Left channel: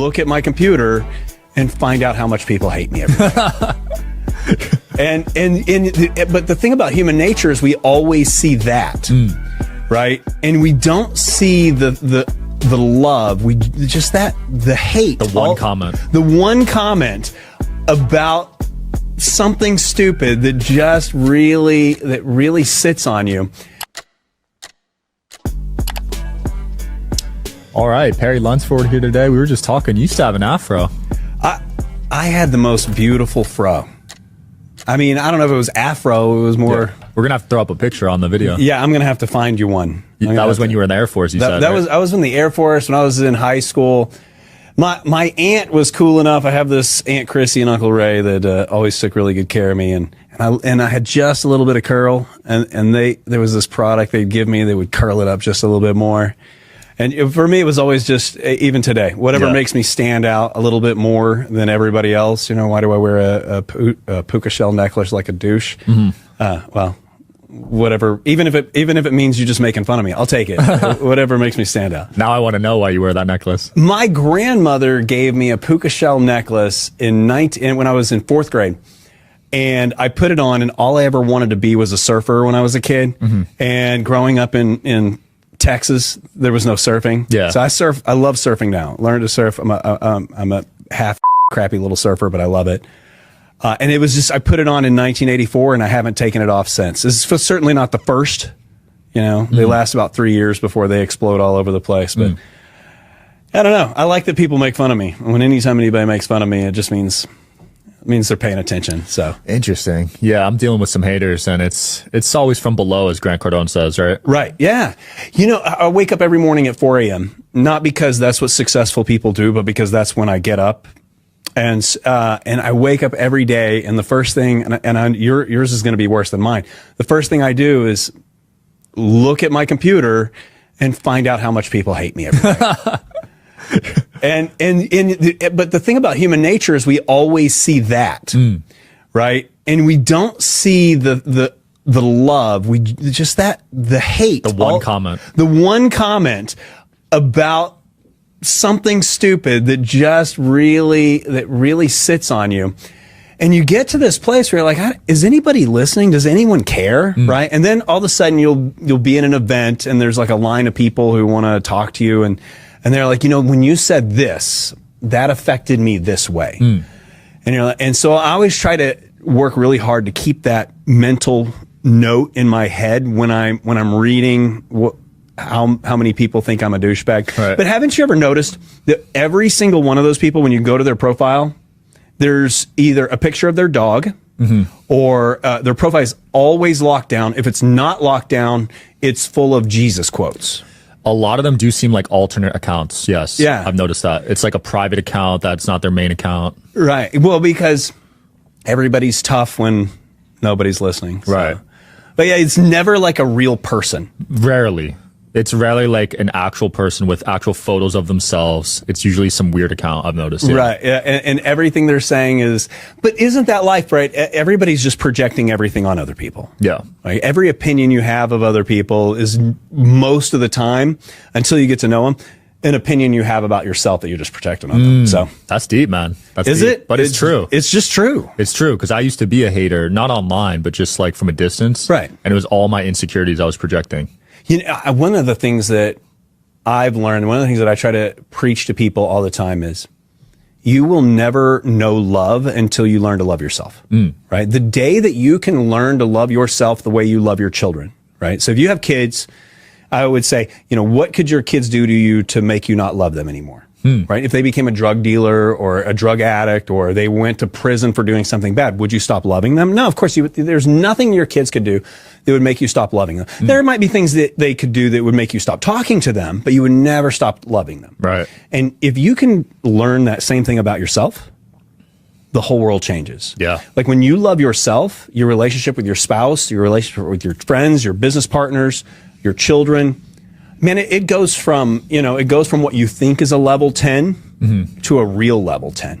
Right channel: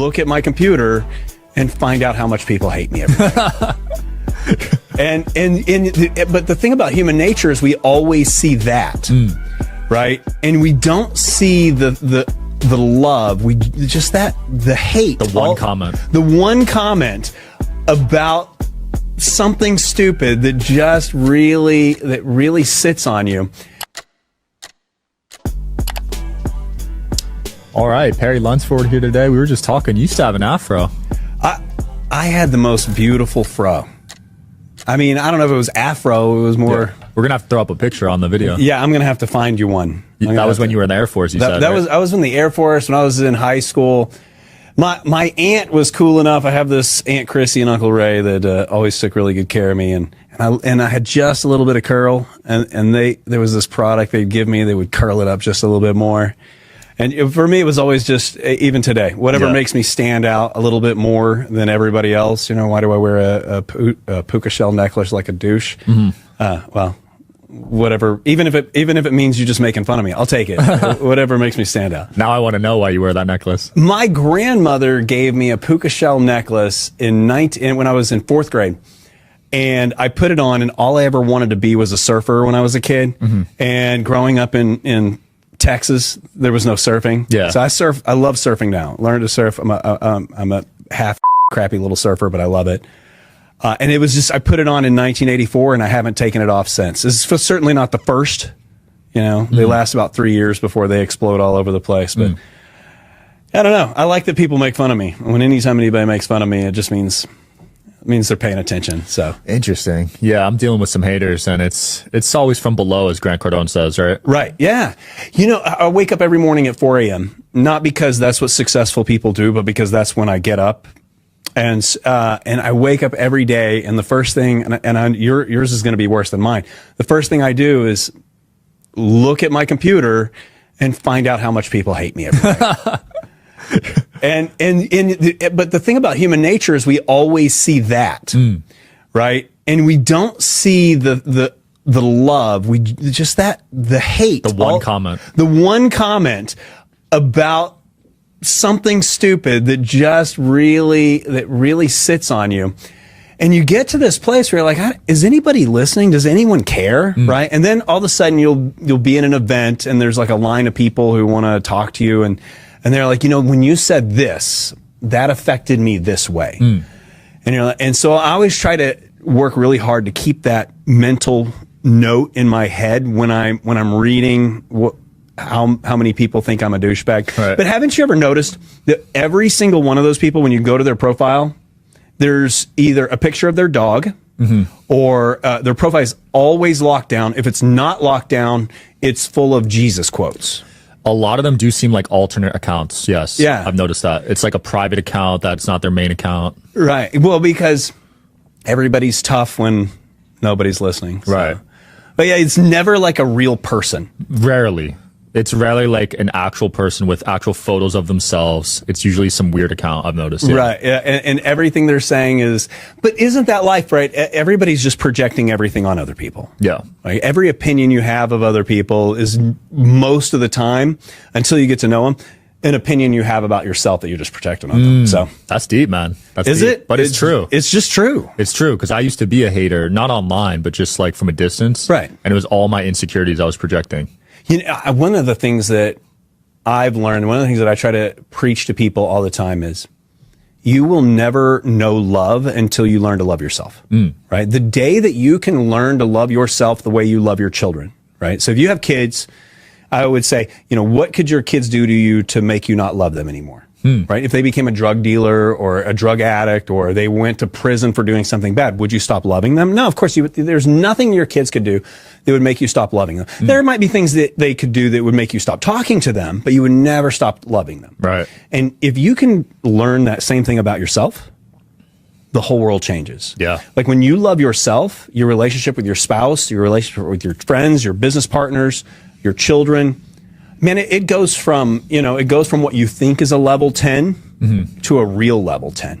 look at my computer and find out how much people hate me every day. But the thing about human nature is we always see that, right? And we don't see the love. We just the hate. The one comment about something stupid that just really sits on you. All right, Perry Lunsford here today. We were just talking. You used to have an afro. I had the most beautiful fro. I mean, I don't know if it was afro. It was more. Yeah. We're gonna have to throw up a picture on the video. Yeah, I'm gonna have to find you one. That was when you were in the Air Force. You said that was. I was in the Air Force when I was in high school. My aunt was cool enough. I have this Aunt Chrissy and Uncle Ray that always took really good care of me, and I had just a little bit of curl, and there was this product they'd give me. They would curl it up just a little bit more. And for me, it was always just, even today, whatever makes me stand out a little bit more than everybody else. You know, why do I wear a puka shell necklace like a douche? Well, whatever. Even if it means you're just making fun of me, I'll take it. Whatever makes me stand out. Now I want to know why you wear that necklace. My grandmother gave me a puka shell necklace when I was in 4th grade. And I put it on, and all I ever wanted to be was a surfer when I was a kid. And growing up in Texas, there was no surfing. Yeah. So I love surfing now. Learned to surf. I'm a half crappy little surfer, but I love it. And it was just, I put it on in 1984 and I haven't taken it off since. This is certainly not the first, you know, they last about 3 years before they explode all over the place. But I don't know. I like that people make fun of me. Anytime anybody makes fun of me, it just means they're paying attention. So interesting. Yeah, I'm dealing with some haters, and it's always from below, as Grant Cardone says, right? Right. Yeah. You know, I wake up every morning at 4 a.m. not because that's what successful people do, but because that's when I get up, and I wake up every day, and the first thing, yours is going to be worse than mine. The first thing I do is look at my computer and find out how much people hate me every day. But the thing about human nature is we always see that, right? And we don't see the love. We just the hate. The one comment about something stupid that just really sits on you. And you get to this place where you're like, is anybody listening? Does anyone care? Right? And then all of a sudden you'll be in an event, and there's like a line of people who want to talk to you, and they're like, you know, when you said this, that affected me this way. And so I always try to work really hard to keep that mental note in my head when I'm reading how many people think I'm a douchebag. Right. But haven't you ever noticed that every single one of those people, when you go to their profile, there's either a picture of their dog or their profile is always locked down. If it's not locked down, it's full of Jesus quotes. A lot of them do seem like alternate accounts. Yes. Yeah. I've noticed that. It's like a private account that's not their main account. Right. Well, because everybody's tough when nobody's listening. So. Right. But yeah, it's never like a real person. Rarely. It's rarely like an actual person with actual photos of themselves. It's usually some weird account, I've noticed. Yeah. Right. Yeah. And everything they're saying is, but isn't that life, right? Everybody's just projecting everything on other people. Yeah. Right? Every opinion you have of other people is most of the time, until you get to know them, an opinion you have about yourself that you're just projecting on them. So that's deep, man. That's deep. It? But it's true. It's just true. It's true. Because I used to be a hater, not online, but just like from a distance. Right. And it was all my insecurities I was projecting. You know, one of the things that I've learned, one of the things that I try to preach to people all the time is, you will never know love until you learn to love yourself, right? The day that you can learn to love yourself the way you love your children, right? So if you have kids, I would say, you know, what could your kids do to you to make you not love them anymore? Right? If they became a drug dealer or a drug addict, or they went to prison for doing something bad, would you stop loving them? No, of course there's nothing your kids could do that would make you stop loving them. There might be things that they could do that would make you stop talking to them, but you would never stop loving them. Right. And if you can learn that same thing about yourself, the whole world changes. Yeah. Like when you love yourself, your relationship with your spouse, your relationship with your friends, your business partners, your children, man, it goes from what you think is a level 10 to a real level 10.